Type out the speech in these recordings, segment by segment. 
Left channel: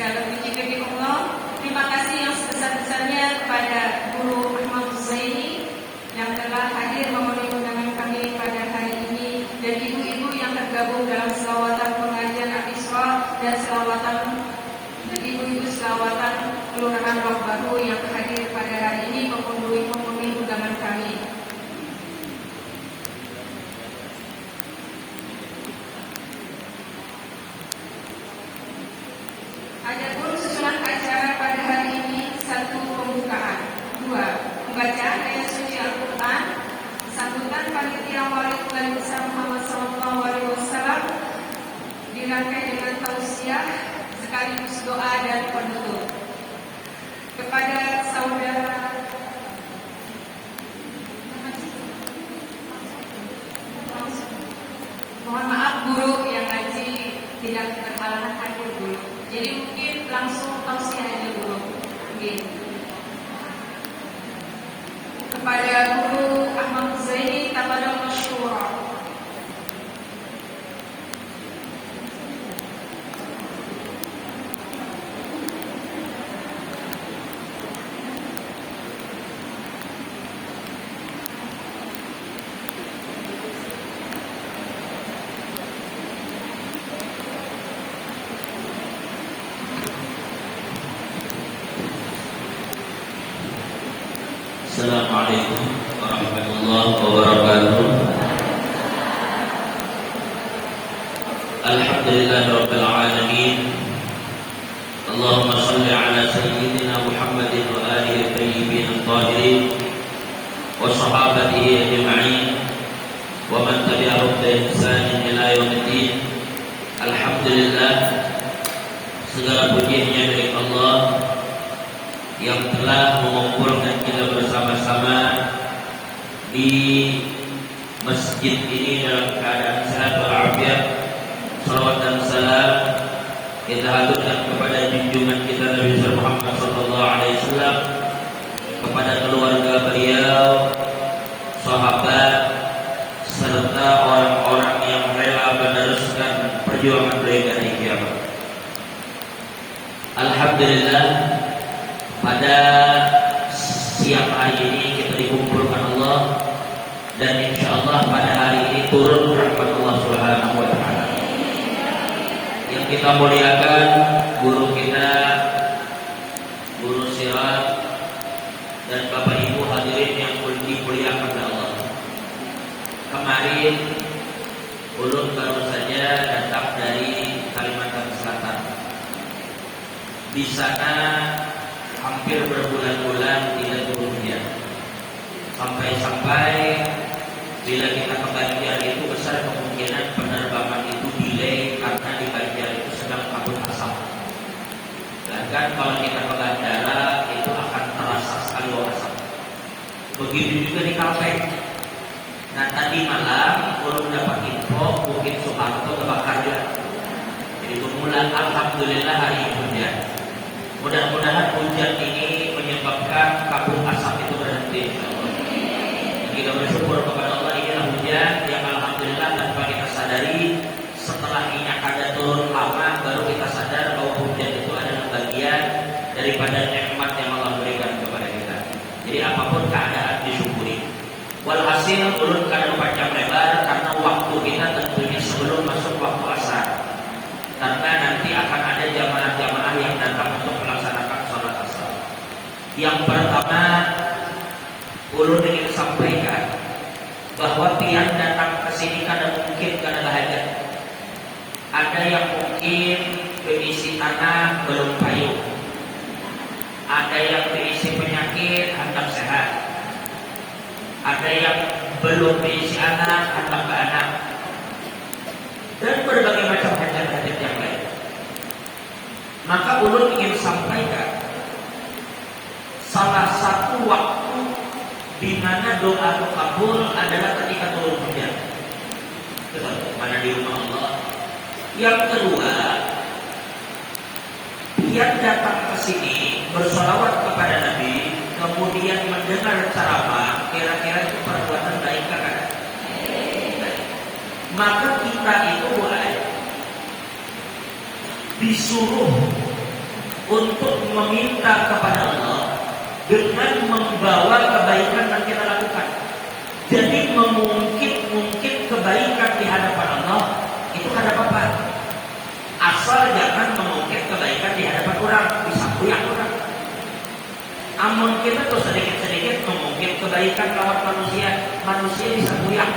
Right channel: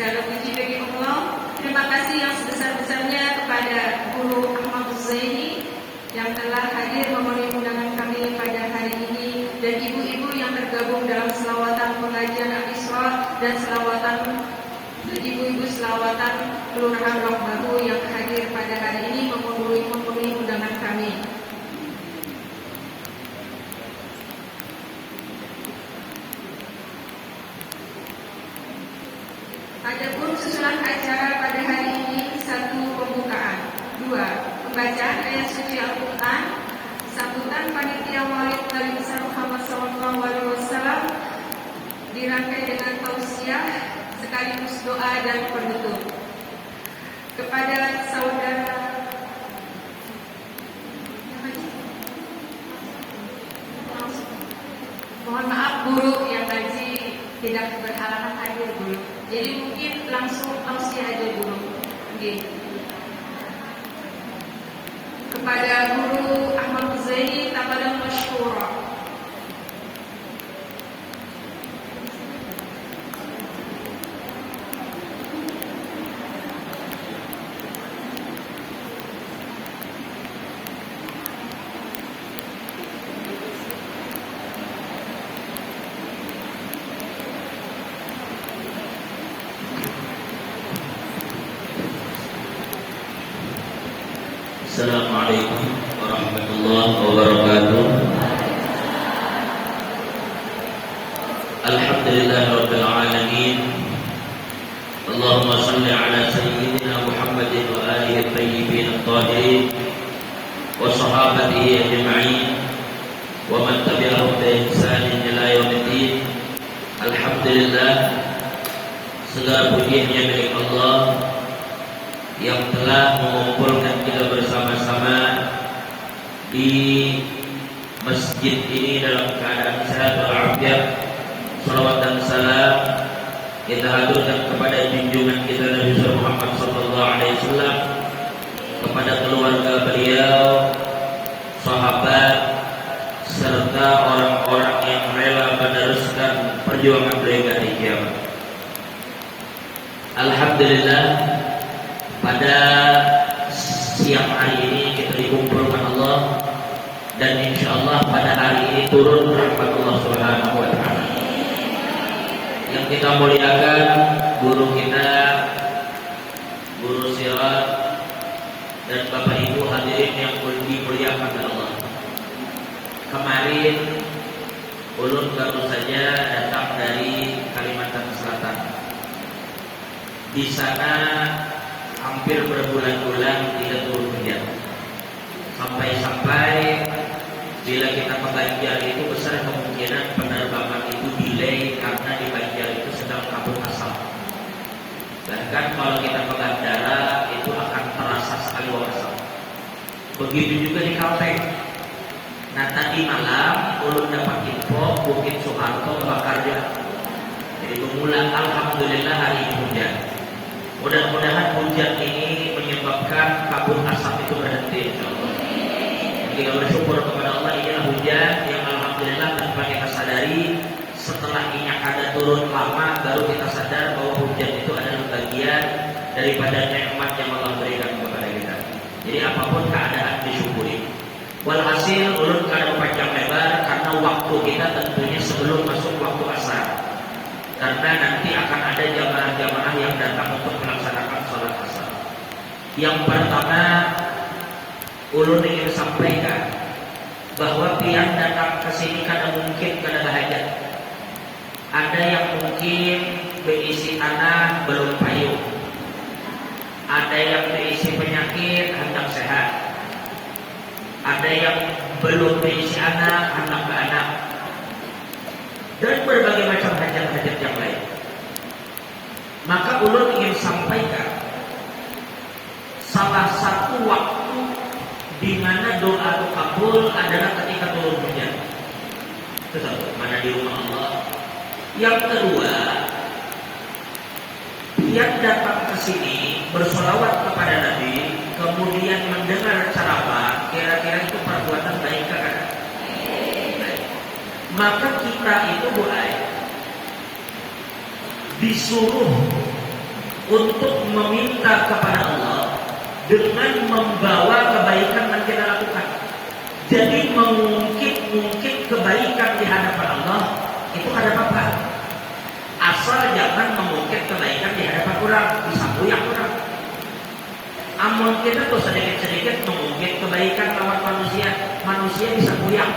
Segala puji bagi Allah. Terima kasih yang sebesar-besarnya kepada Guru Muhammad Zaini yang telah hadir memenuhi undangan kami pada hari ini, dan ibu-ibu yang tergabung dalam selawatan pengajian Al-Isra dan selawatan dan ibu-ibu selawatan kelurahan Rawbahu yang hadir pada hari ini memenuhi undangan kami. Adapun susunan acara pada hari ini: 1. Pembukaan, 2. Pembacaan ayat suci Al-Quran, sambutan panitia Maulid Nabi Muhammad SAW, dirangkai dengan tausiah sekaligus doa dan penutup. Kepada saudara mohon maaf guru yang ngaji tidak berhalangan hadir dulu. Jadi mungkin langsung tausiah aja dulu. Okay. Kepada Guru Ahmad Zaini, tafadhal masyhura. Assalamualaikum warahmatullahi wabarakatuh. Alhamdulillahirabbil alamin. Allahumma shalli ala sayyidina Muhammadin wa alihi thayyibin tahirin wa sahabatihi ajma'in wa man tabi'ahum bi ihsanin ila yaumiddin. Alhamdulillah, segala puji hanya milik Allah yang telah mengumpulkan kita bersama-sama di masjid ini dalam keadaan sehat walafiat. Salawat dan salam kita aturkan kepada junjungan kita Nabi Muhammad SAW, kepada keluarga beliau, sahabat, serta orang-orang yang rela meneruskan perjuangan beliau dari kiamat. Alhamdulillah, pada siang hari ini kita dikumpulkan Allah, dan insya Allah pada hari ini turun rahmat Allah Subhanahu wa Ta'ala. Yang kita muliakan guru kita, Guru Sirat, dan Bapak Ibu hadirin yang dimuliakan Allah. Kemarin ulun baru saja datang dari Kalimantan Selatan. Di sana hampir berbulan-bulan tidak turun hujan, sampai-sampai bila kita ke Ganjar itu besar kemungkinan penerbangan itu delay karena di Ganjar itu sedang kabut asap. Bahkan kalau kita ke bandara itu akan terasa sekali asap. Begitu juga di Kalteng. Nah, tadi malam ulun dapat info Bukit Soeharto Bakarja. Itu mulai alhamdulillah hari ini hujan. Mudah-mudahan hujan ini menyebabkan kabut asap itu berhenti. Kita bersyukur kepada Allah, inilah hujan yang alhamdulillah tanpa kita sadari, setelah minyak ada turun lama baru kita sadar bahwa hujan itu adalah bagian daripada nikmat yang Allah berikan kepada kita. Jadi apapun keadaan disyukuri. Walhasil ulun kada panjang lebar karena waktu kita tentunya sebelum masuk waktu asar. Karena nanti akan ada jamaah-jamaah yang datang untuk melaksanakan sholat asar. Yang pertama, ulun ingin sampaikan bahwa pihak datang ke sini karena mungkin karena hajat. Ada yang mungkin berisi tanah belum kayu. Ada yang berisi penyakit hendak sehat. Ada yang belum berisi anak hendak ke anak. Dan berbagai macam hajat-hajat yang lain. Maka ulun ingin sampaikan salah satu waktu di mana doa kabul adalah ketika turun hujan. Betul, karena di rumah Allah. Yang kedua, yang datang ke sini bersolawat kepada Nabi, kemudian mendengar ceramah, kira-kira itu perbuatan baik kan? Maka kita itu boleh disuruh untuk meminta kepada Allah dengan membawa kebaikan yang kita lakukan. Jadi mengungkit kebaikan di hadapan Allah itu karena apa? Asal jangan mengungkit kebaikan di hadapan orang, bisa yang orang. Amal kita tuh sedikit-sedikit mengungkit kebaikan kalau manusia bisa buyang.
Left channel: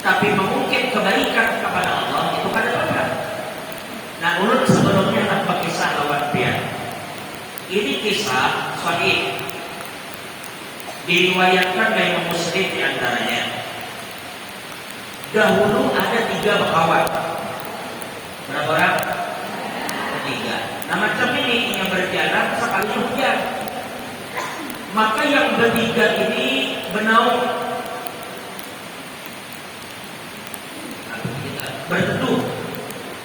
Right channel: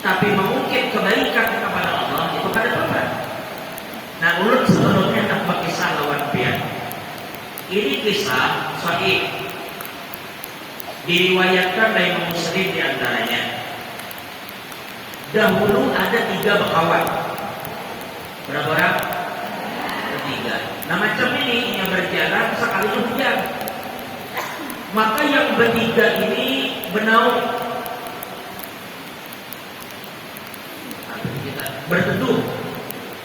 Tapi mengungkit kebaikan kepada Allah itu pada apa? Nah, urut sebelumnya tanpa kisah luar biasa. Ini kisah sahih diriwayatkan dari Muslim di antaranya. Dahulu ada 3 kawan. Berapa orang? 3. Nah, macam ini yang berjalan sekali hujan. Maka yang bertiga ini benawan berteduh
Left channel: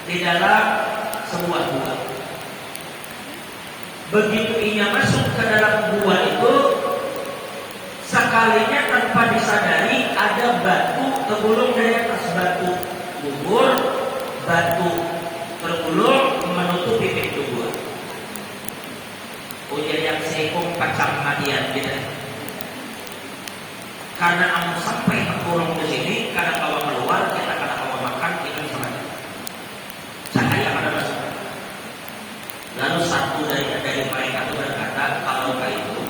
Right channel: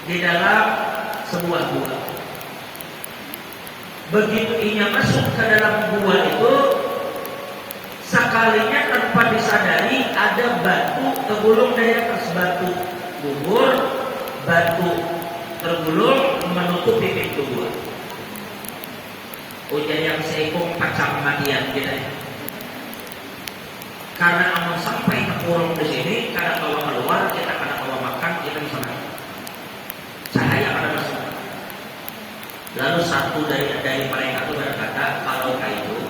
di dalam sebuah gua. Begitu ia masuk ke dalam gua itu, sekalinya tanpa disadari ada batu tergulung dari atas, batu gugur, batu tergulung menutupi pintu gua. Ujian yang seikung pacang matian kita. Karena amal sampai kurung di sini, karena kalau keluar kita akan kalau makan kita bisa makan. Cahaya ada masuk. Lalu satu dari mereka itu berkata, kalau itu,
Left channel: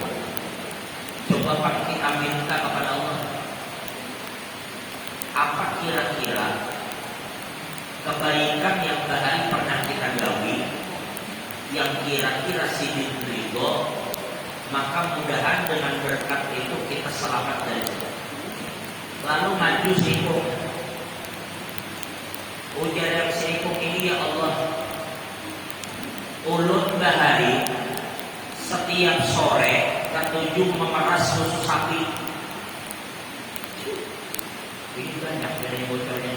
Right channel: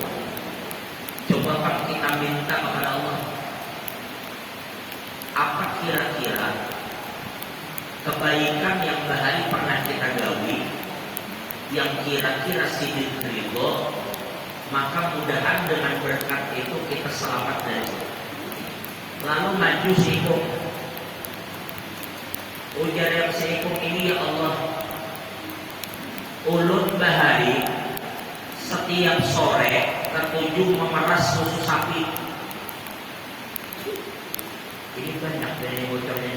coba kita minta kepada Allah, apa kira-kira kebaikan yang bahari pernah kita gawi, yang kira-kira sidin ridho, maka mudahan dengan berkat itu kita selamat dari itu. Lalu maju seikung. Ujar yang seikung ini, ya Allah, ulun bahari setiap sore ketujuh memeras susu sapi. Ini banyak dari bocornya.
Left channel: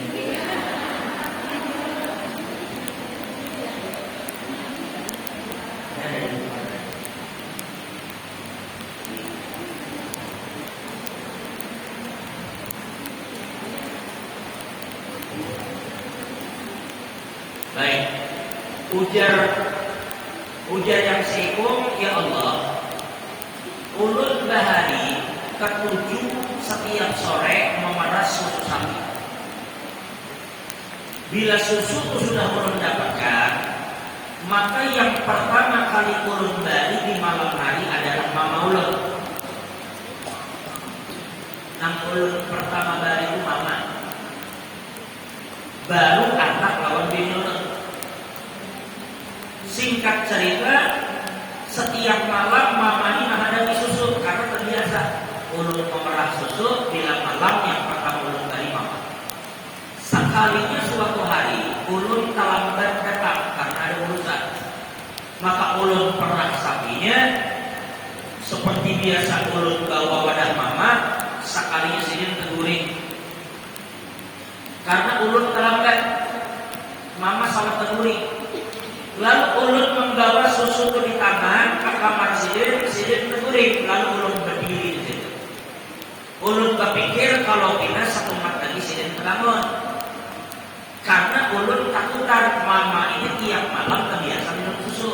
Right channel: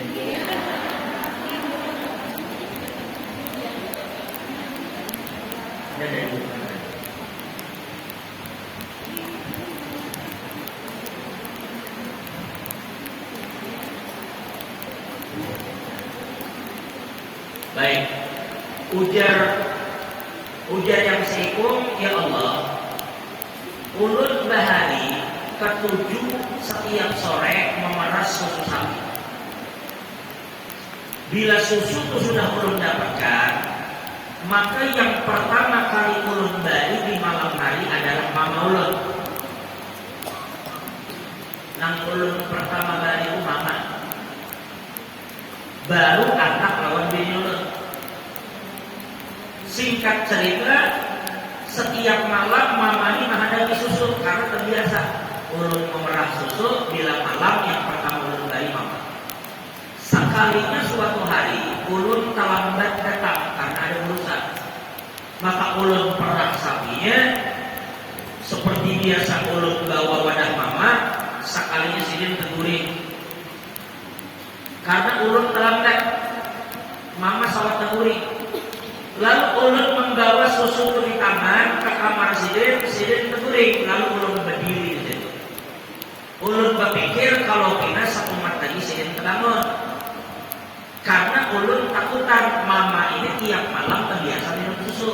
Baik, ujar yang seikung, ya Allah, ulun bahari ketujuh setiap sore memeras susu sapi. Bila susu itu sudah ulun dapatkan, maka yang pertama kali ulun balik di malam hari adalah mama ulun. Nah, ulun pertama balik itu mama, baru anak lawan bini ulun. Singkat cerita, setiap malam mama ini menghadapi susu karena terbiasa ulun memerah susu bila malam yang pertama ulun balik mama. Sekalinya suatu hari ulun terlambat datang karena ada urusan, maka ulun perah sapinya seperti biasa ulun bawa wadah mama, sekalinya sidin teguring karena ulun terlambat, mama salah teguring. Lalu ulun membawa susu ke kamar, ke kamar sidin teguring, lalu ulun berdiri di situ. Ulun berpikir kalau pindah satu mat lagi sidin terbangun. Karena ulun takutan mama ini tiap malam terbiasa minum susu.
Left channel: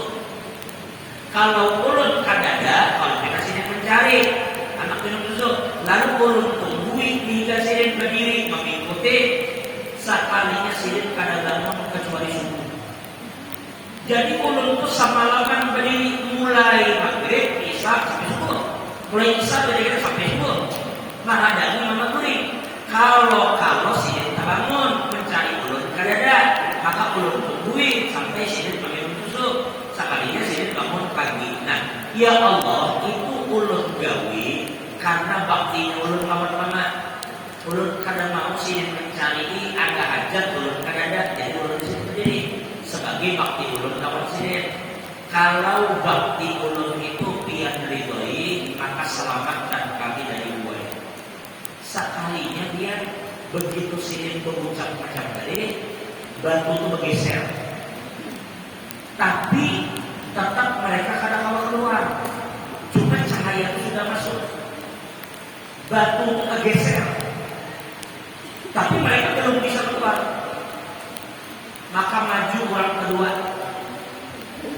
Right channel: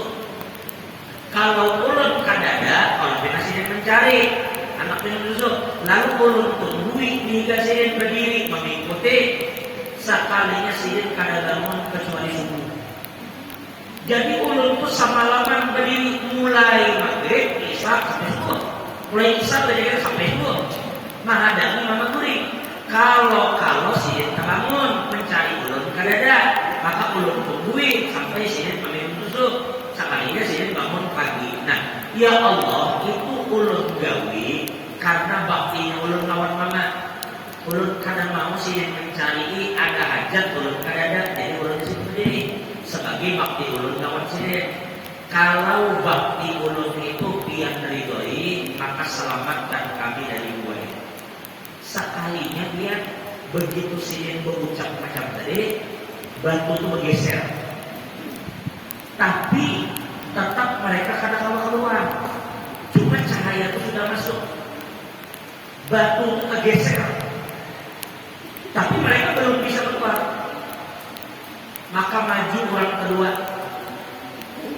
Kalau ulun kadada, kalau pindah sidin mencari anak minum susu, lalu ulun tungguin hingga sidin berdiri mengikuti. Sekalinya sidin kada bangun kecuali subuh. Jadi ulun itu semalaman berdiri mulai maghrib, isya sampai subuh. Mulai isya berdiri sampai subuh. Mahadami mama kuring. Kalau sidin terbangun mencari ulun kadada, maka ulun tungguin sampai sidin minum susu. Sekalinya sidin bangun pagi. Nah, ya Allah, itu ulun gawi karena bakti ulun lawan mama. Ulun kadang mau sidin mencari ini ada hajat ulun kadada, jadi ulun berdiri sebagai bakti ulun lawan sidin. Kalau bakti ulun itu pian ridhoi, maka selamat dan kami dari dua. Sekalinya dia begitu sidin berucap macam tadi, batu itu bergeser. Tapi tetap mereka kadang keluar. Cuma cahaya itu sudah masuk. Batu itu tergeser. Tapi mereka belum bisa keluar. Maka maju orang kedua.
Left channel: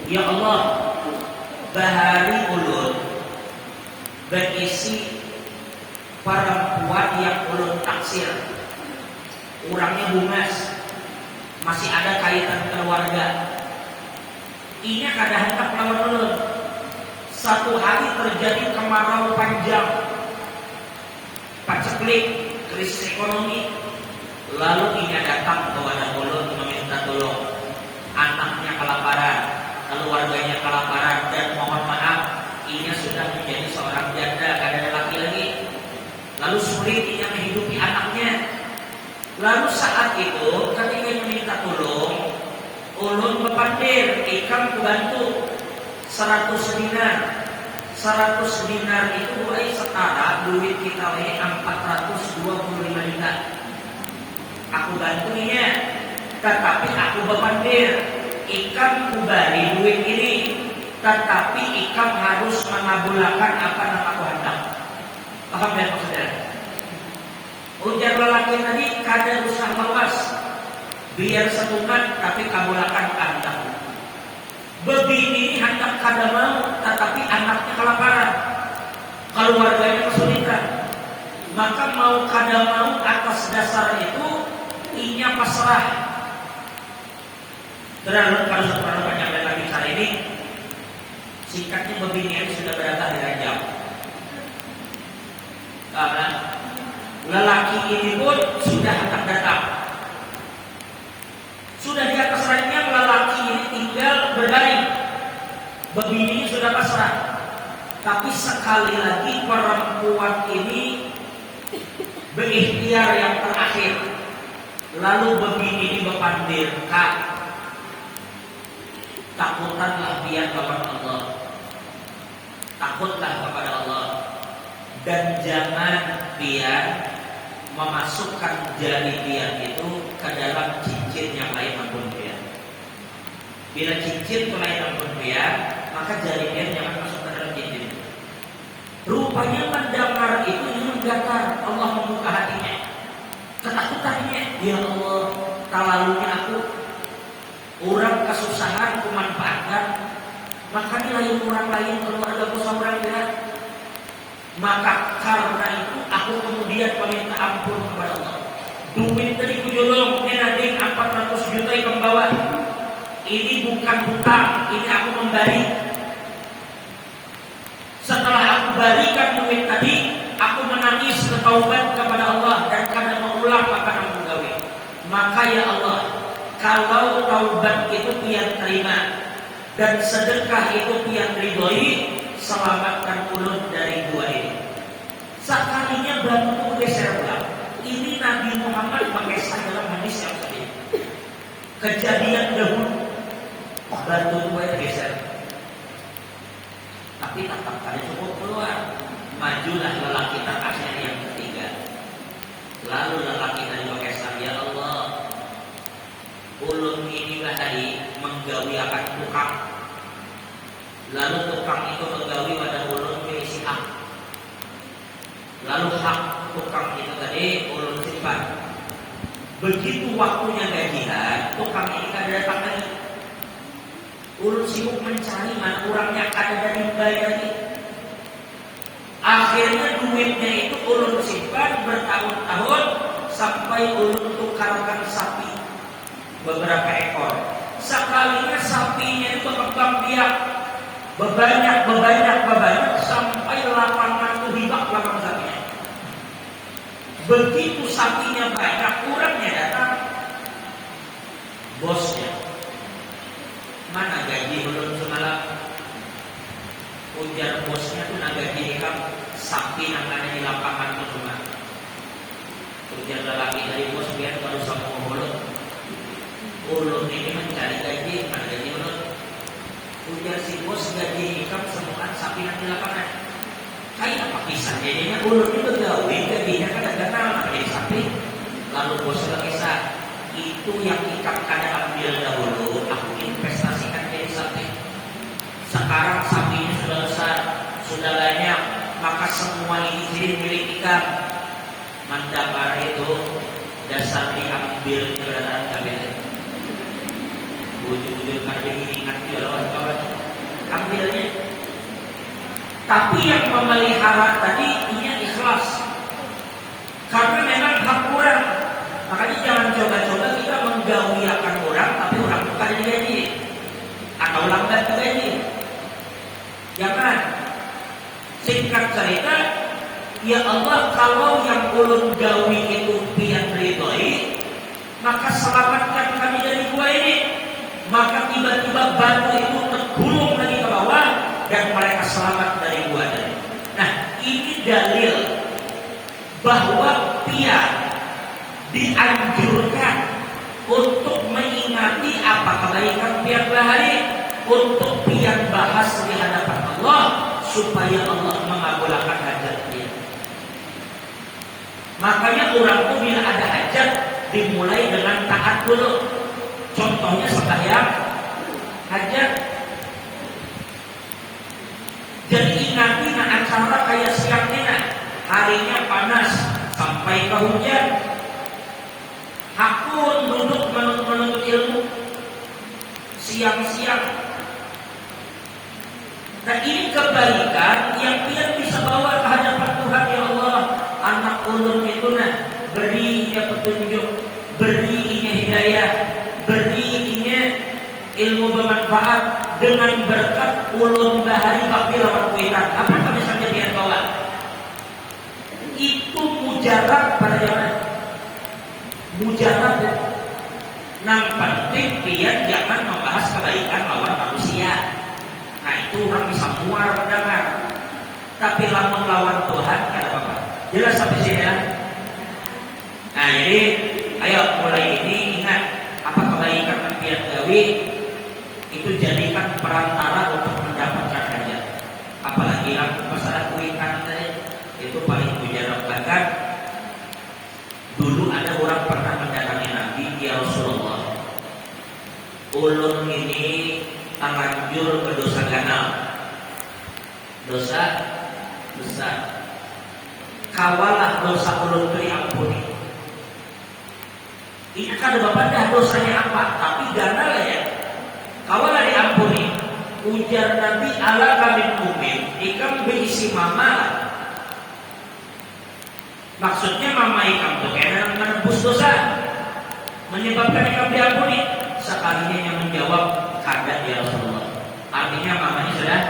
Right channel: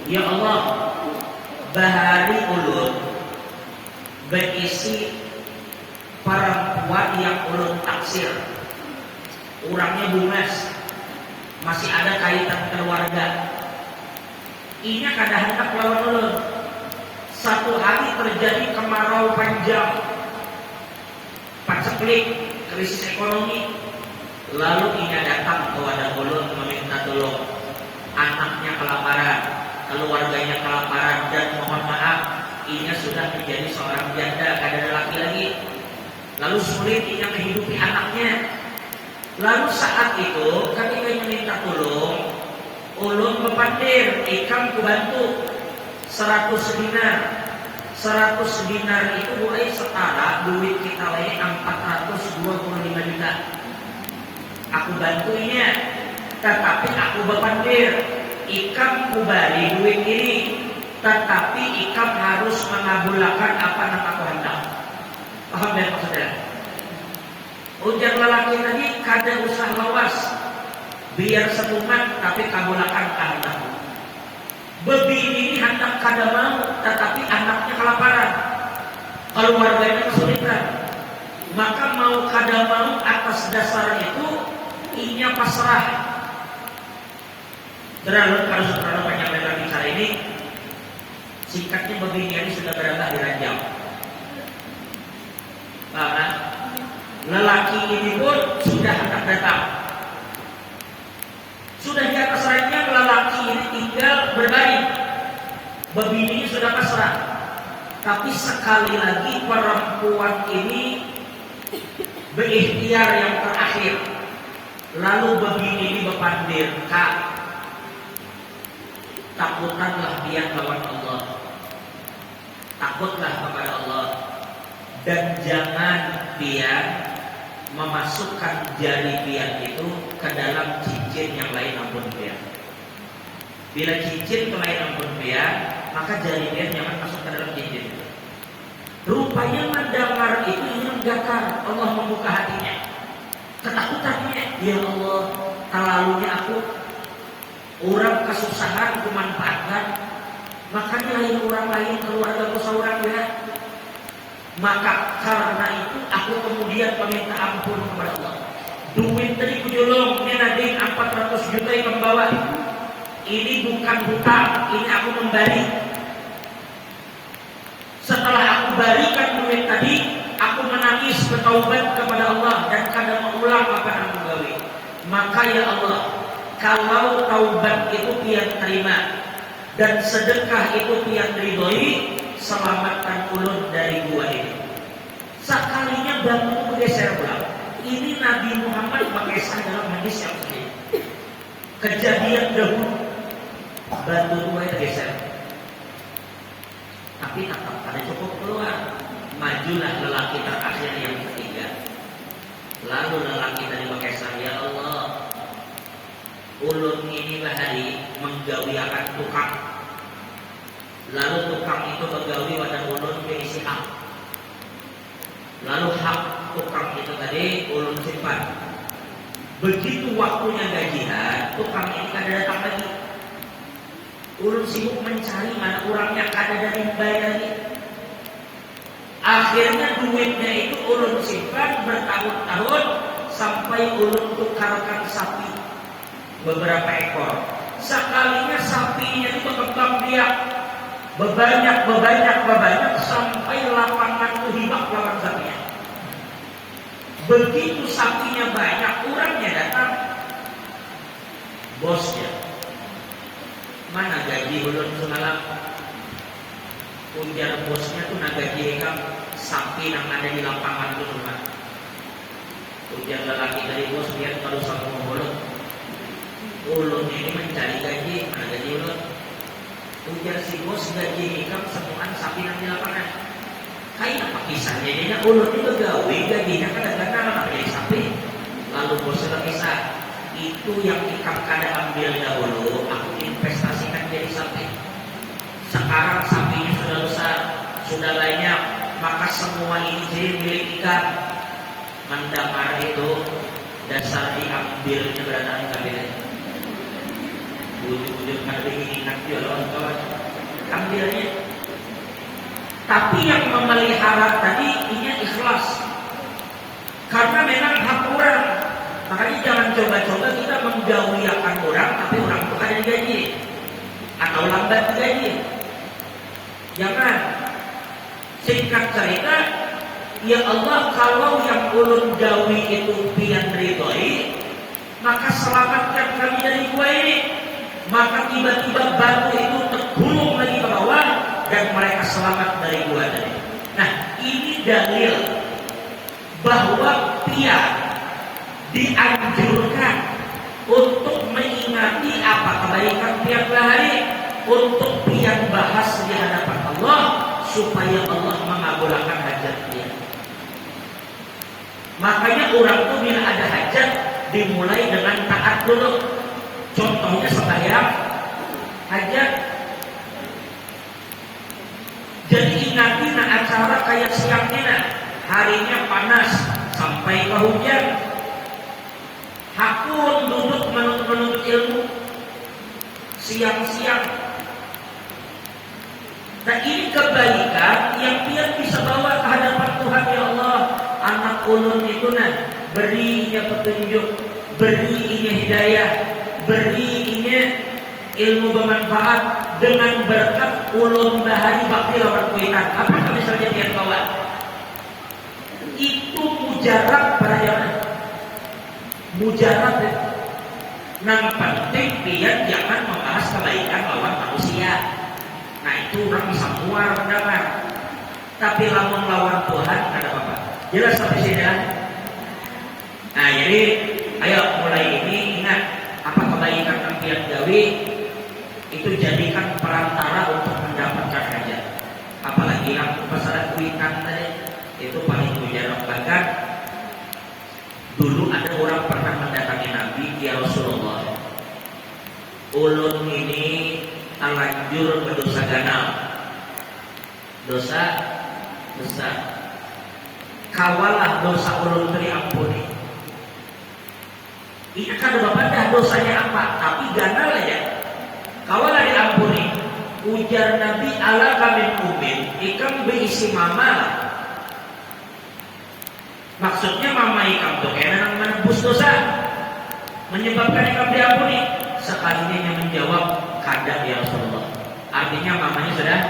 Ya Allah, bahari ulun berisi perempuan yang ulun taksir, orangnya bungas, masih ada kaitan keluarga. Ini kadang hendak lawan ulun. Satu hari terjadi kemarau panjang, paceklik, krisis ekonomi. Lalu ia datang kepada ulun meminta tolong. Anaknya kelaparan, keluarganya kelaparan, dan mohon maaf, ia sudah menjadi seorang janda, gak ada laki lagi. Lalu sulit ia menghidupi anaknya. Lalu saat itu ketika ia meminta tolong, ulun berpandir, ikam kebantu 100 dinar. 100 dinar itu mulai setara duit kita lagi 425 juta. Aku bantunya, tetapi aku berpandir, ikam kubari duit ini, tetapi ikam harus mengabulkan apa yang aku hendak. Paham dan saudara? Ujar lelaki tadi kada usah mawas, biar setunang tapi kabulkan hendak. Begini hendak kada mau, tetapi anaknya kelaparan, keluarganya kesulitan, maka mau kada mau atas dasar itu inya pasrah. Berlalu kalau saudara banyak dalam bicara ini, singkatnya begini ini sudah berada di ranjang. Karena lelaki ini pun sudah hendak datang. Sudah di atas ranjang, lelaki ini tinggal berbaring. Begini sudah pasrah. Tapi sekali lagi perempuan ini berikhtiar yang terakhir. Lalu begini berpandir, Kak, takutanlah dia kepada Allah, takutlah kepada Allah, dan jangan dia memasukkan jari dia itu ke dalam cincin yang lain ampun dia. Bila cincin ke lain ampun dia, maka jari dia jangan masuk ke dalam cincin. Rupanya mendengar itu menggetar, Allah membuka hatinya. Ketakutannya, ya Allah, terlalunya aku, orang kesusahan aku manfaatkan, makanya lain orang lain keluarga bersaudara berat. Maka karena itu aku kemudian meminta ampun kepada Allah. Duit tadi dijolong, ini ada 400 juta yang bawa. Ini bukan hutang, ini aku kembali. Setelah aku balikan duit tadi, aku menangis bertaubat kepada Allah dan kadang mengulang apa yang aku gawe. Maka ya Allah, kalau taubat itu tiang terima dan sedekah itu tiang ridhoi, selamatkan ulun dari dua ini. Sekalinya bantu geser pulang. Ini Nabi Muhammad mengeser dalam hadis yang ini. Kejadian dahulu bantu dua geser. Tapi tetap ada cukup keluar. Majulah lelaki terakhir yang ketiga. Lalu lelaki tadi mengeser, ya Allah, ulun ini hari menggawi akan tukang. Lalu tukang itu menggawi pada ulun berisi hak. Lalu hak tukang itu tadi ulun simpan. Begitu waktunya gajian, tukang ini kada datang lagi. Ulun sibuk mencari orangnya kada ada dibayar lagi. Akhirnya duitnya itu ulun simpan bertahun-tahun sampai ulun tukarkan sapi beberapa ekor. Sekalinya sapinya itu berkembang biak berbanyak sampai 800 hibak lawan sapinya. Begitu sapinya banyak, orangnya datang, bosnya, mana gaji ulun semalam? Ujar bosnya tuh gaji kamu sapi yang ada di lapangan itu cuma. Ujar lelaki dari bos dia terus sama ulun. Ulun ini mencari gaji, mana gaji ulun? Ujar si bos gaji kamu semua sapi yang di lapangan. Kayak apa pisahnya? Jadi ulun itu gawe gajinya kan ada jadi sapi. Lalu bos berkisah, itu yang kita kada ambil dahulu, aku investasikan jadi sapi. Sekarang sapi ini sudah besar, sudah banyak, maka semua ini jadi milik kita. Mendengar itu, dasar diambil keberadaan kabinet. Wujud-wujud kali ini ingat dia orang tua. Ambilnya, Tapi yang memelihara tadi punya ikhlas. Karena memang hak orang. Makanya jangan coba-coba kita menggawiakan orang tapi orang bukan yang gaji atau lambat gaji. Jangan. Singkat cerita, ya Allah, kalau yang ulun gawi itu pian ridhoi, maka selamatkan kami dari gua ini. Maka tiba-tiba batu itu tergulung lagi ke bawah dan mereka selamat dari gua tadi. Nah, ini dalil bahwa pihak dianjurkan untuk mengingati apa kebaikan pihak bahari, untuk pihak bahas di hadapan Allah supaya Allah mengabulkan hajat dia. Makanya orang itu bila ada hajat dimulai dengan taat dulu. Contohnya sembahyang hajat. Jadi ingati acara kayak siang ini, harinya panas sampai ke hujan. Aku duduk menuntut ilmu siang-siang. Nah, ini kebaikan yang dia bisa bawa ke hadapan Tuhan. Ya Allah, anak ulun itu berinya petunjuk, berinya hidayah, berinya ilmu bermanfaat dengan berkat ulun bahari bakil rakyat. Apa yang misalnya dia bawa? Itu mujarab pada mujarab. Yang penting dia jangan membahas kebaikan lawan manusia. Nah, itu orang bisa keluar mendengar. Tapi lawan lawan Tuhan ada apa? Jelas sampai sini. Nah, jadi ayo mulai ini ingat apa kebaikan tiap gawi itu jadikan perantara untuk mendapatkan hajat. Apalagi yang masalah kebaikan tadi itu paling mujarab. Bahkan dulu ada orang pernah mendatangi Nabi, ya Rasulullah, ulun ini terlanjur berdosa ganal, dosa besar. Kawalah dosa ulun diampuni. Ini kan pada dosanya apa? Tapi ganal aja. Kawalah diampuni. Ujar Nabi, ala kami mukmin, ikam berisi mama. Maksudnya mama ikam berkenan menebus dosa, menyebabkan ikam diampuni. Sekalinya yang menjawab, kada ya Rasulullah. Artinya mamanya sudah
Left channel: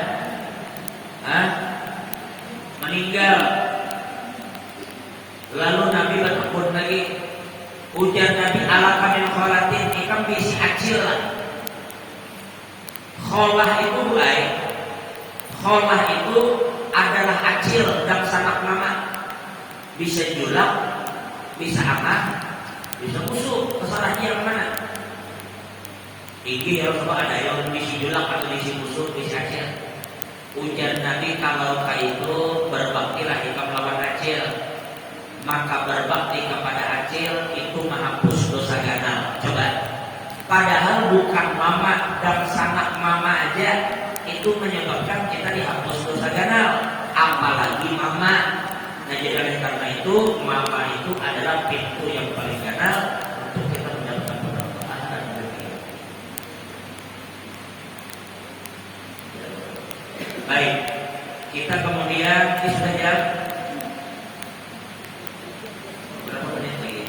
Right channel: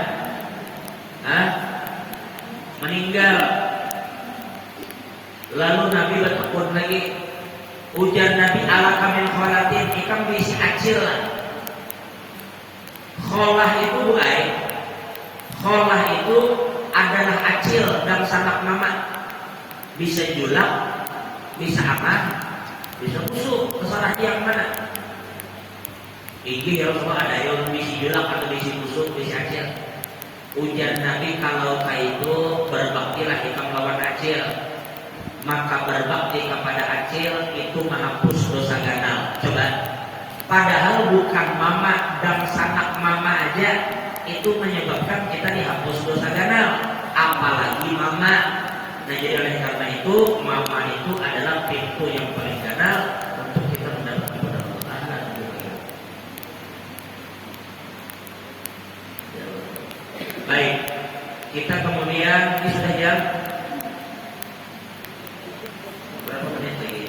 meninggal. Lalu Nabi bertegur lagi, ujar Nabi, ala kami kholatin, ikam berisi acil. Kholah itu baik. Kholah itu adalah acil dalam sanak mama. Bisa julak, bisa apa? Bisa busuk. Kesalahan yang mana? Ini harus ada yang bisa julak atau bisa busuk, bisa acil. Ujar Nabi, kalau itu berbaktilah kita melawan acil. Maka berbakti kepada acil itu menghapus dosa ganal. Coba. Padahal bukan mama dan sanak mama aja itu menyebabkan kita dihapus dosa ganal. Apalagi mama. Nah, jadi oleh karena itu mama itu adalah pintu yang paling ganal untuk kita mendapatkan pertolongan. Baik, kita kemudian di sudah jam berapa menit lagi?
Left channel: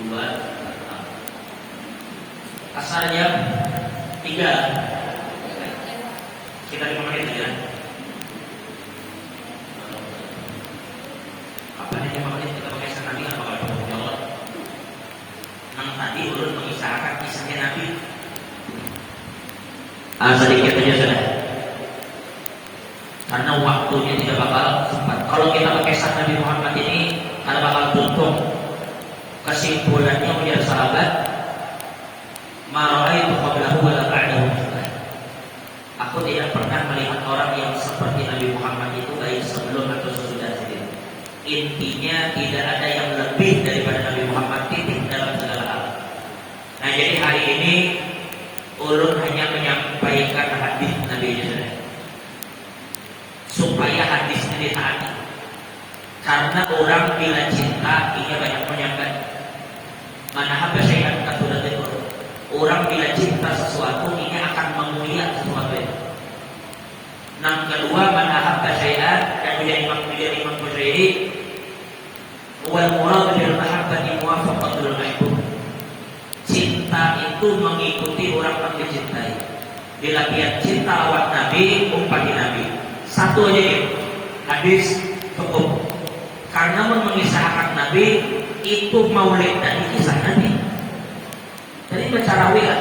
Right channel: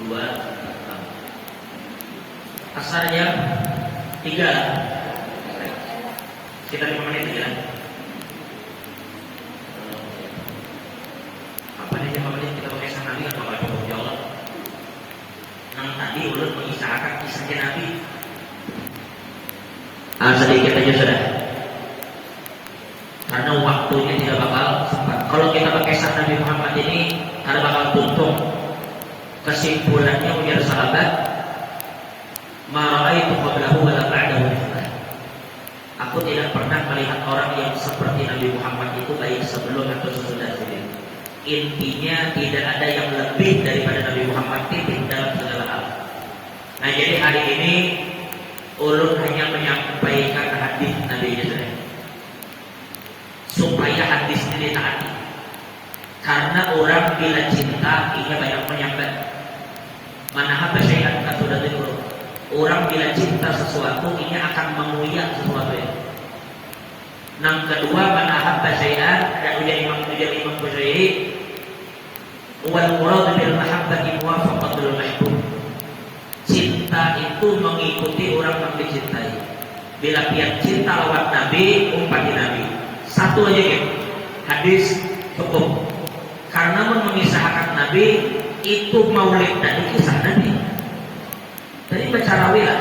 2 kasarnya 3. Kita dimulai 3. Apa nih yang kita pakai sama Nabi atau apa jawab? Yang tadi belum mengisahkan kisahnya Nabi. Sedikit aja sudah. Karena waktunya tidak bakal sempat. Kalau kita pakai sama Nabi Muhammad ini, karena bakal tumpuk. Kesimpulannya biar sahabat, marai itu qablahu wa ba'dahu. Aku tidak pernah melihat orang yang seperti Nabi Muhammad itu baik sebelum atau sesudah dia. Intinya tidak ada yang lebih daripada Nabi Muhammad titik dalam segala hal. Nah, jadi hari ini ulun hanya menyampaikan hadis Nabi Muhammad supaya hadisnya ditaati. Karena orang bila cinta ia banyak menyampaikan. Mana apa saya kata sudah itu Orang bila cinta sesuatu ini akan menguyak sesuatu itu. Yang kedua, mana hatta syai'an yang menjadi Imam Bukhari, ulang-ulang bil mahabbati muwafaqatul mahbub. Cinta itu mengikuti orang yang dicintai. Bila dia cinta awak Nabi, umpati Nabi. Satu aja ya, hadis cukup. Karena memisahkan Nabi itu maulid Nabi, kisah Nabi. Tadi baca rawi lah,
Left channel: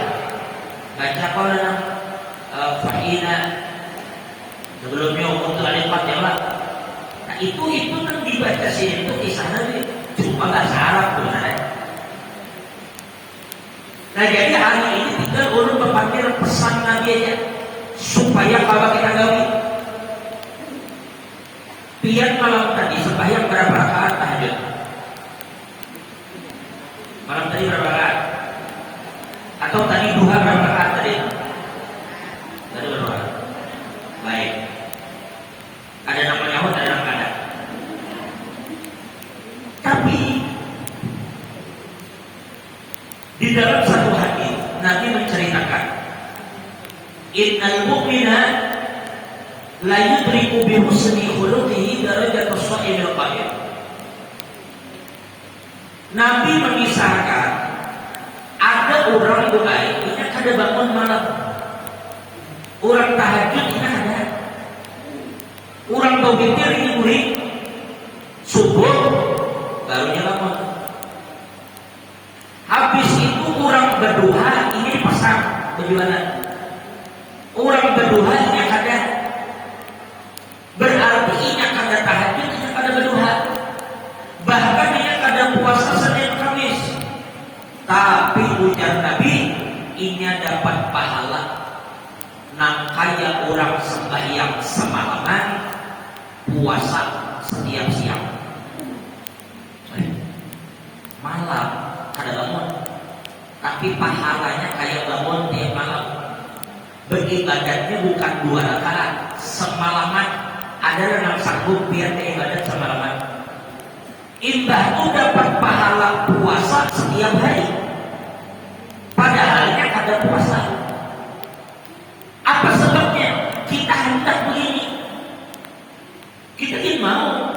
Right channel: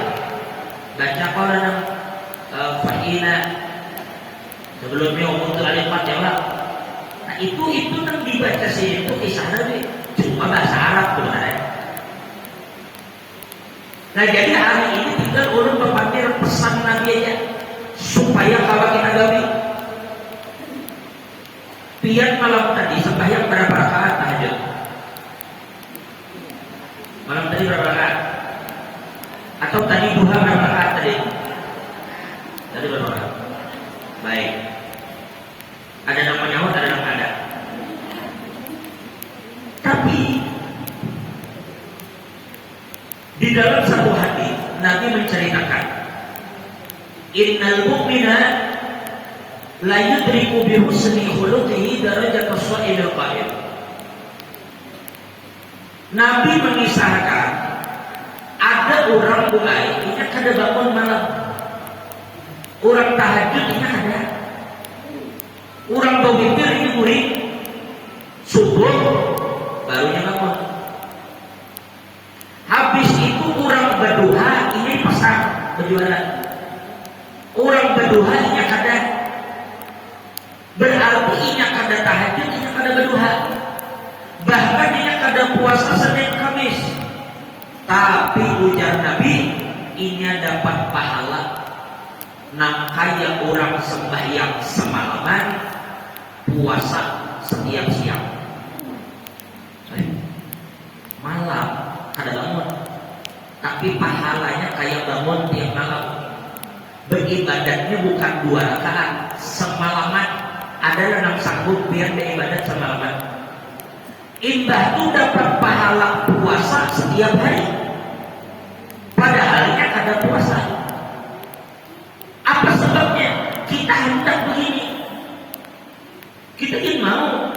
baca kawan Fa'ina sebelumnya umum kalimat jawab. Nah itu kan dibaca sini itu kisah Nabi, cuma bahasa Arab benar. Nah jadi hari ini tinggal urut berpikir pesan Nabi aja supaya kalau kita gawi biar malam tadi supaya berapa rakaat tahajud. Malam tadi berapa rakaat? Atau tadi duha berapa rakaat tadi? Tadi berapa rakaat? Baik. Ada nama nyamuk, ada nama ada. Tapi di dalam satu hadis Nabi menceritakan, innal mu'mina la yudriku bi husni khuluqihi darajat as-sha'il al-qa'im. Nabi mengisahkan ada orang baik ini kada bangun malam, orang tahajud ini ada, orang berpikir ini murid subuh barunya bangun. Habis itu orang berdoa ini pesan bagaimana? Orang berdoa ini ada, berarti ini ada tahajud, ini ada berdoa. Bahkan ini ada puasa Senin Kamis. Tapi ujar Nabi, ini dapat pahala. Kaya orang sembahyang semalaman, puasa setiap siang. Malam kada bangun, tapi pahalanya kayak bangun tiap malam. Beribadatnya bukan 2 rakaat semalaman. Ada yang sanggup biar beribadat semalaman. Imbah itu dapat pahala puasa setiap hari. Padahalnya ada puasa. Apa sebabnya? Kita hendak begini. Kita ini mau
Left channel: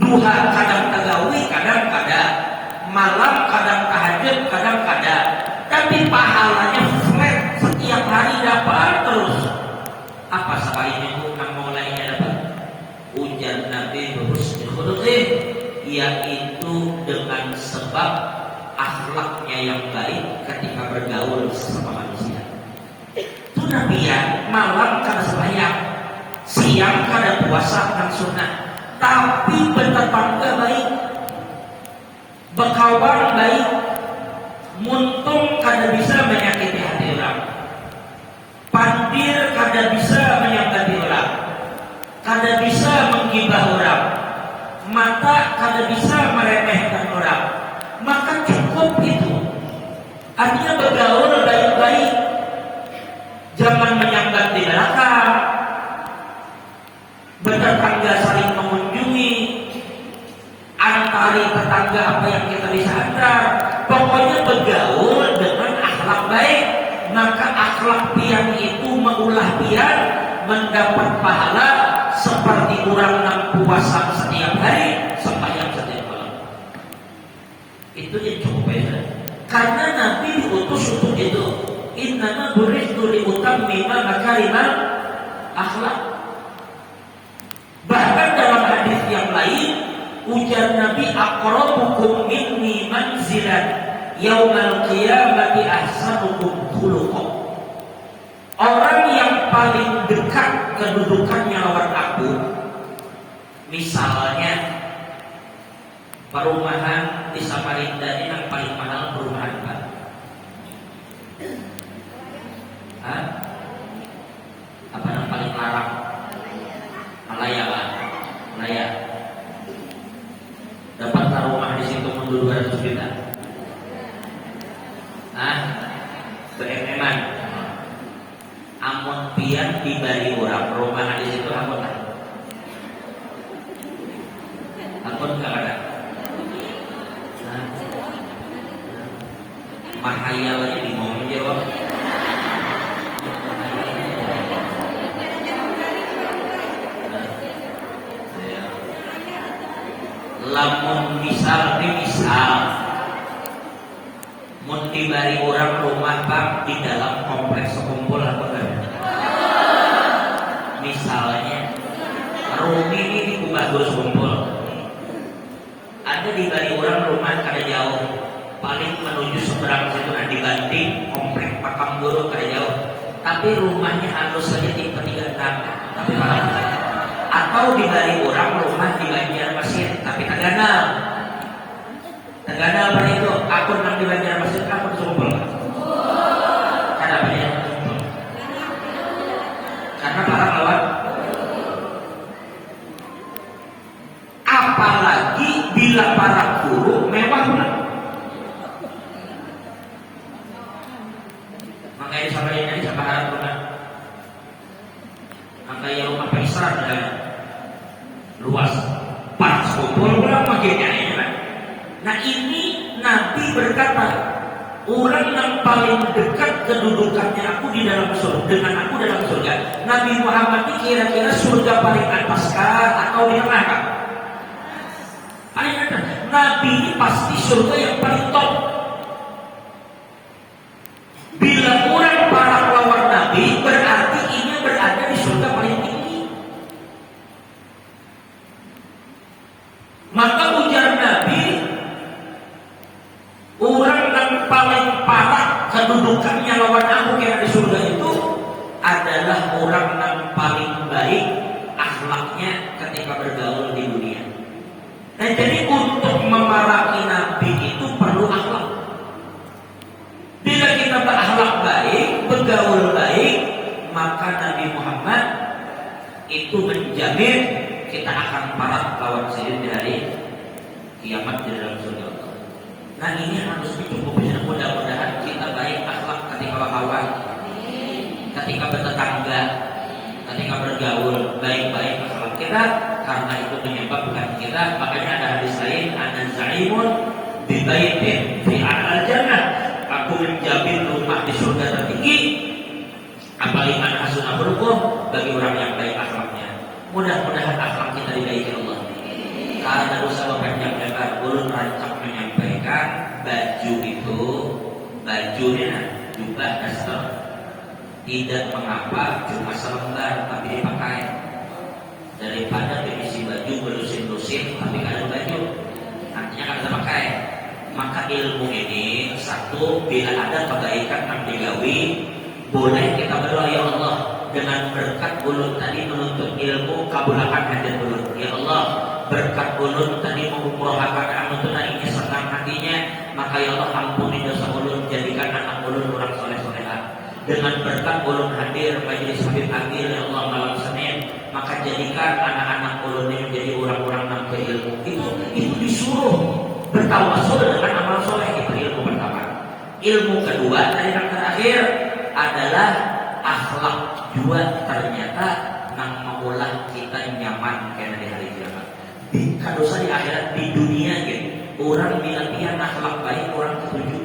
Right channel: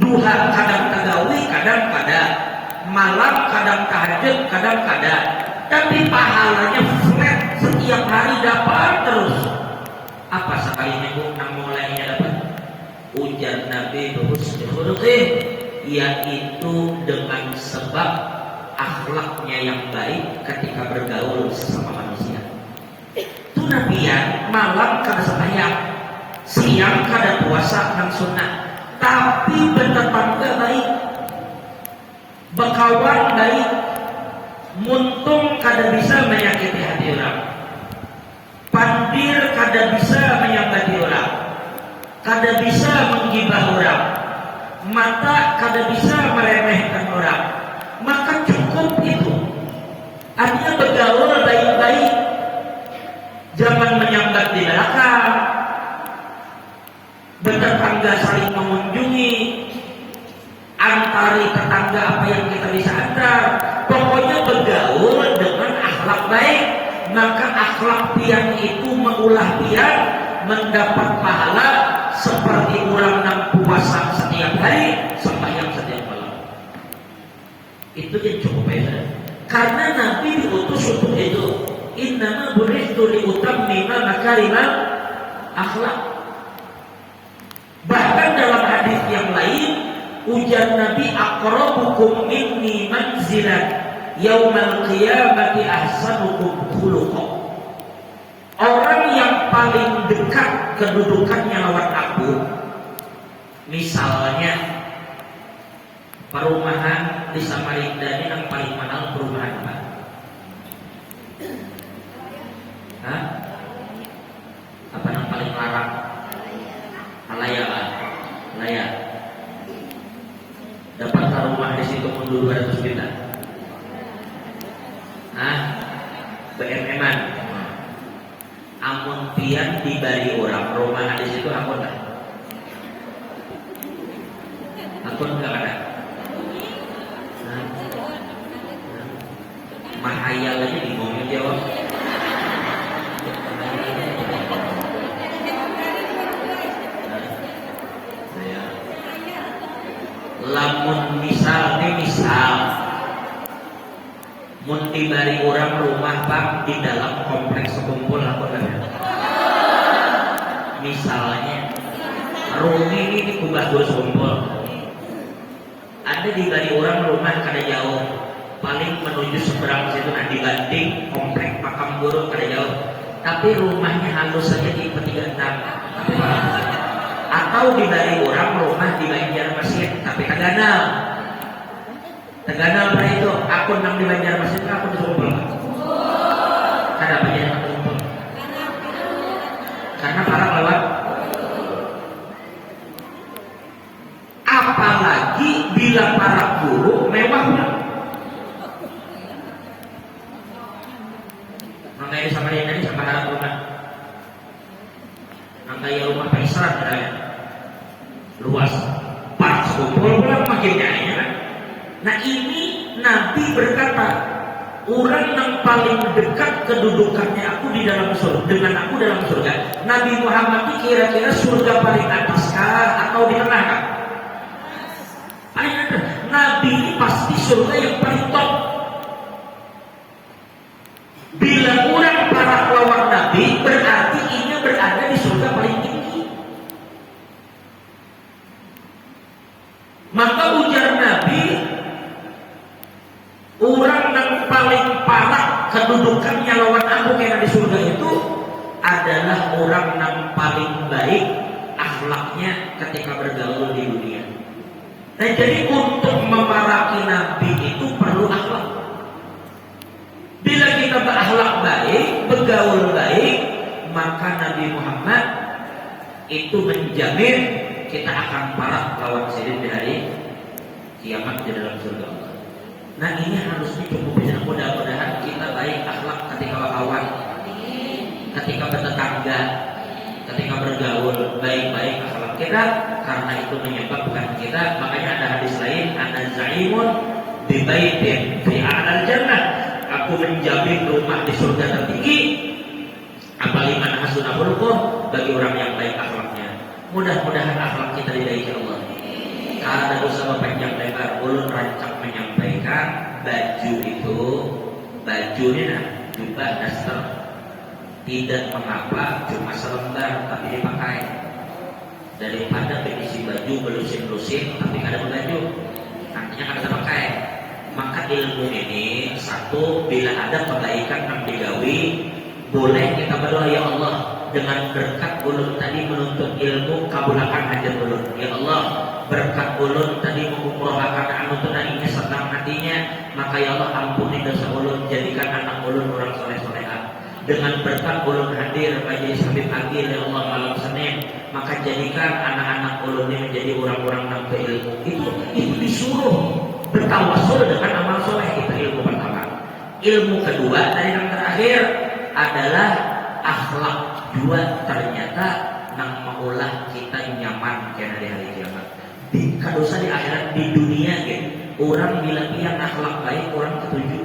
duha kadang tagawi, kadang-kadang malam, kadang tahajud, kadang-kadang. Tapi pahalanya flat setiap hari dapat terus. Apa sekalinya itu yang mulainya dapat? Ujar Nabi berhusnul yaitu dengan sebab akhlaknya yang baik ketika bergaul sesama manusia. Itu Nabi ya, malam kada sembahyang, siang kada puasa dan sunnah, tapi bertetangga baik, berkawan baik, muntung kada bisa menyakiti hati orang, pandir kada bisa menyakiti orang, kada bisa menggibah orang, mata kada bisa meremehkan orang. Maka cukup itu. Artinya bergaul baik-baik, jangan menyambat di belakang, bertetangga saling mengunjungi, antari tetangga apa yang kita bisa antar. Pokoknya bergaul dengan akhlak baik. Maka akhlak piang itu mengulah piang, mendapat pahala seperti orang yang puasa setiap hari, sembahyang setiap malam. Itu yang coba ya. Karena Nabi diutus untuk itu. Innama bu'ithtu liutammima makarimal akhlak. Bahkan dalam hadis yang lain, ujar Nabi, aqrabukum minni manzilan yaumal qiyamati ahsanukum khuluqan. Orang yang paling dekat kedudukannya lawan aku, misalnya perumahan di Samarinda ini yang paling mahal perumahan apa? Hah? Apa yang paling larang? Malaya lah, Malaya. Dapat rumah di situ 200 juta. Nah, BMN-an. Amun pian dibari orang rumah di situ ampun lah. Ampun enggak ada. Mahayal aja Pak Guru Sumpul. Ada di balik orang rumah kada jauh, paling menuju seberang situ kan dibanding komplek makam guru kada jauh. Tapi rumahnya halus saja di P36. Atau di balik orang rumah di Banjarmasin, tapi Teganal. Teganal pada itu aku nang di Banjarmasin, aku Sumpul. Kenapa dia Sumpul? Karena para pelawak. Apalagi bila para guru mewah. Makanya sama ini sama rumah. Makanya rumah Paisran ada luas. Pas kumpul orang makin kayaknya kan. Nah ini Nabi berkata, orang yang paling dekat kedudukannya aku di dalam surga dengan aku dalam surga. Nabi Muhammad itu kira-kira surga paling atas atau di mana kan? Paling atas. Nabi pasti surga yang paling top. Bila orang para pelawak Nabi berarti ini berada di surga paling tinggi. Maka ujar Nabi, orang yang paling parah kedudukannya lawan aku kira di surga itu adalah orang yang paling baik akhlaknya ketika bergaul di dunia. Nah jadi untuk memaraki Nabi itu perlu akhlak. Bila kita berakhlak baik, bergaul baik, maka Nabi Muhammad itu menjamin kita akan parak lawan sendiri di hari kiamat di dalam surga. Nah ini harus dicukupi. Mudah-mudahan kita baik akhlak ketika berkawan, ketika bertetangga, ketika bergaul baik-baik akhlak kita, karena itu menyebabkan kita. Makanya ada hadis lain, ada zaimu bi baitin fi a'lal jannah. Aku menjamin rumah di surga tertinggi. Apalagi anak sunahulku bagi orang yang baik akhlaknya. Mudah-mudahan akhlak kita dibaiki Allah. Karena usaha panjang lebar belum rancang menyampaikan baju itu, bajunya jubah daster tidak mengapa cuma selembar tapi dipakai. Daripada berisi baju belusin-lusin tapi ada baju, nantinya kada terpakai. Maka ilmu ini satu, bila ada kebaikan yang digawi, boleh kita berdoa, ya Allah, dengan berkat ulun tadi menuntut ilmu, kabulkan hajat ulun. Ya Allah, berkat ulun tadi mengumpulkan anu tenang ini senang hatinya, maka ya Allah ampuni dosa ulun, jadikan anak ulun orang soleh-solehah. Dengan berkat ulun hadir majelis Habib Akil ya Allah malam Senin, maka jadikan anak-anak ulun ini menjadi orang-orang yang berilmu. Itu disuruh bertawasul dengan amal soleh. Itu ilmu pertama. Ilmu kedua dan yang terakhir adalah akhlak. Dua, ternyata nang maulah kita nyaman karena di hari kiamat. Kalau usah di akhirat, di dunia gitu, orang bila dia akhlak baik orang ketujuh.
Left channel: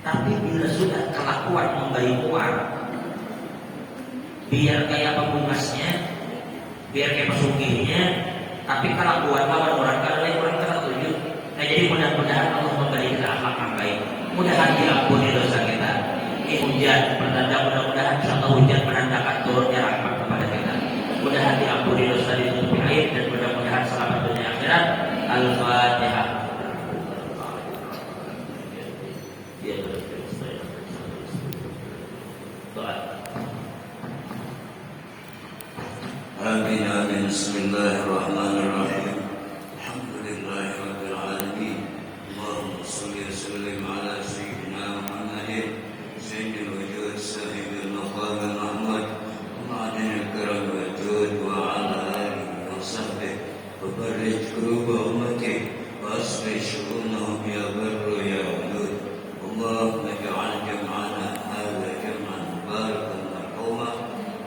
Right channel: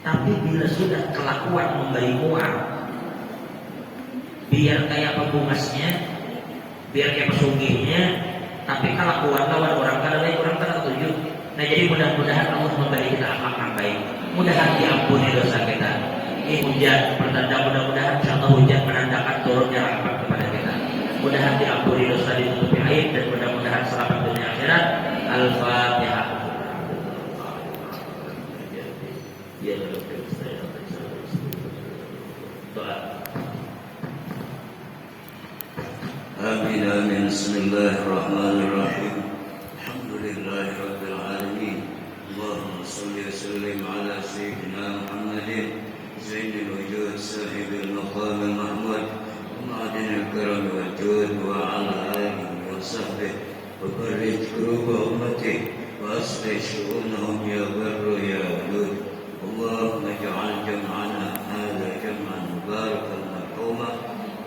Tapi bila sudah kelakuan memberi muar, biar kayak pembungasnya, biar kayak pesugihnya, tapi kelakuan lawan orang kada baik orang kada ketujuh. Nah jadi mudah-mudahan Allah memberi kita akhlak yang baik. Mudah-mudahan diampuni dosa kita. Ini hujan pertanda, mudah-mudahan contoh hujan menandakan turunnya rahmat kepada kita. Mudah-mudahan diampuni dosa, ditutupi aib, dan mudah-mudahan selamat dunia akhirat. Al-Fatihah. Amin amin. Bismillahirrahmanirrahim. Alhamdulillahi rabbil alamin. Allahumma shalli wa sallim ala sayyidina Muhammadin sayyidil wujud sahibil maqam al-mahmud ma'adinil karam wajud wa ala alihi wa sahbihi wa farrij kuruba ummati wa asli syu'unahum ya barru ya wadud. Allahumma ij'al jam'ana hadha jam'an mubarakan marhuma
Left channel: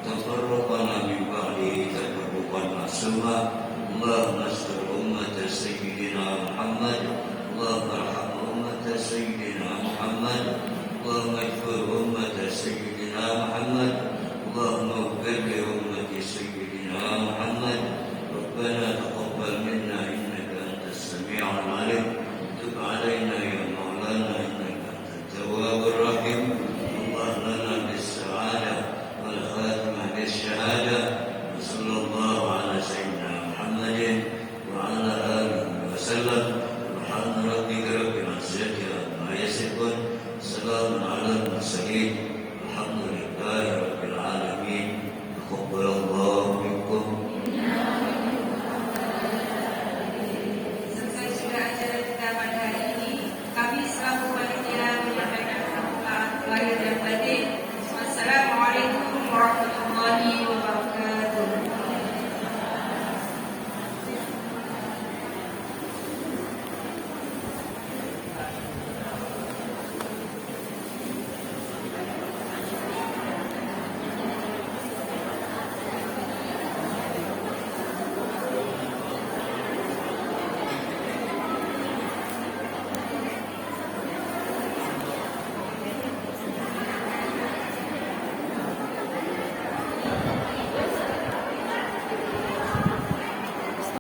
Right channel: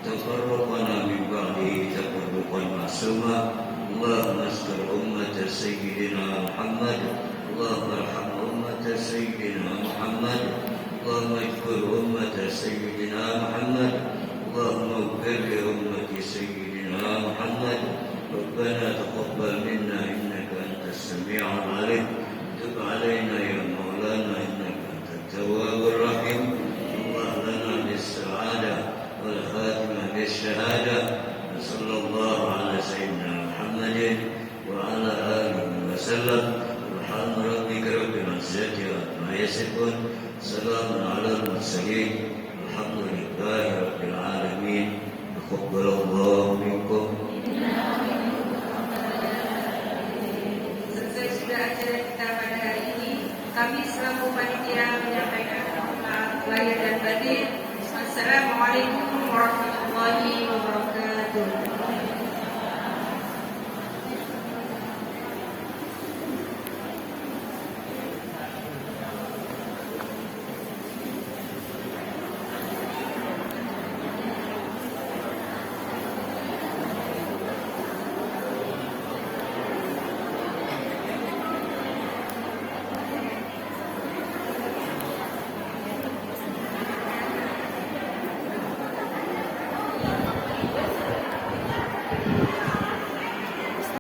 tafarraqana min ba'di tafarruqan ma'suma. Allahumma Assalamualaikum warahmatullahi wabarakatuh.